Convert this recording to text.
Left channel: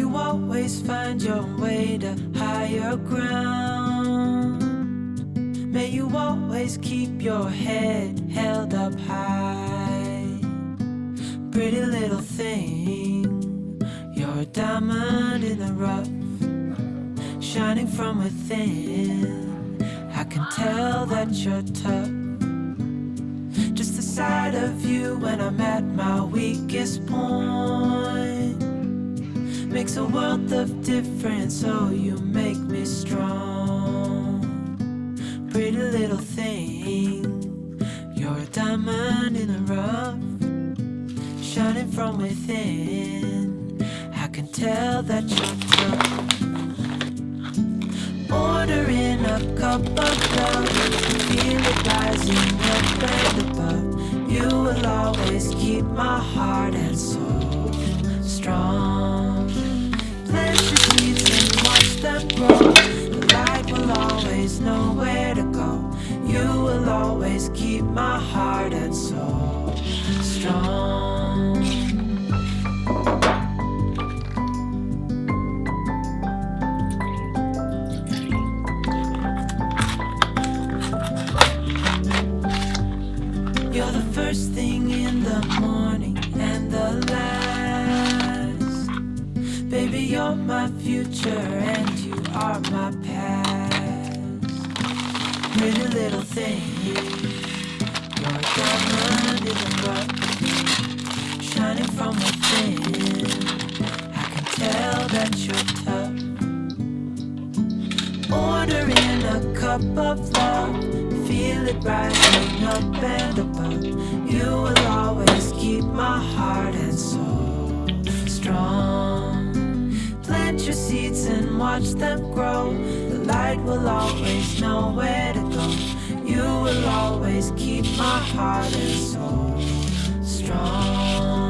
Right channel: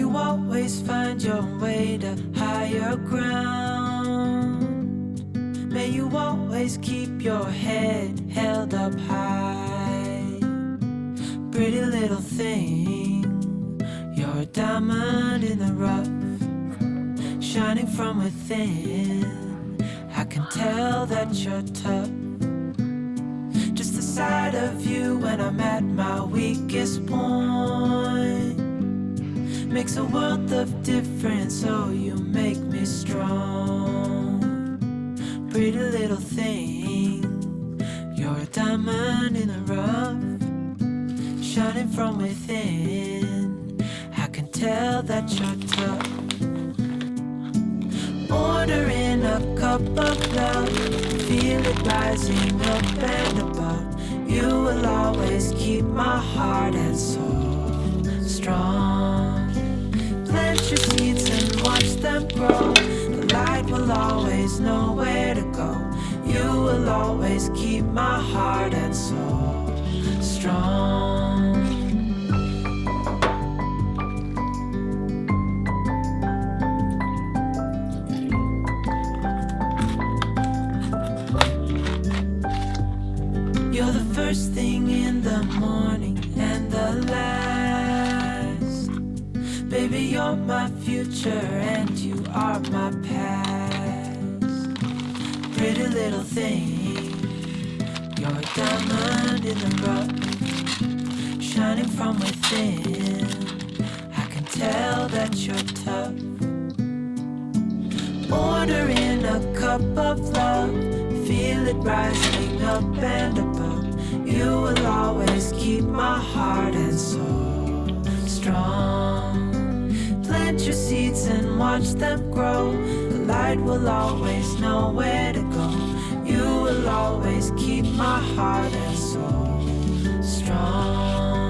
you always find your way to higher ground. May you always keep your head held up high. Pretty little thing, you're a diamond in the rough, shining from within. I can tell that you're tough. Just the sight of you when I'm at my weakest point makes a world of difference, oh you make me strong. Pretty little thing, you're a diamond in the rough, shining from within. I can tell that you're tough. Ordering a cup of love, feel it rising up and above. You will always keep my heart and soul strong. Plant your seeds and watch them grow. The light will always know where to go. You will always keep my heart and soul strong. You're the first thing in the morning and the last. Baby, you're my future and you are my past. Pretty little thing, you're a diamond in the rough, shining from within. I can tell that you're tough. Ordering a cup of love, feel it rising up and above. You will always keep my heart and soul strong. Plant your seeds and watch them grow. The light will always know where to go. You will always keep my heart and soul strong.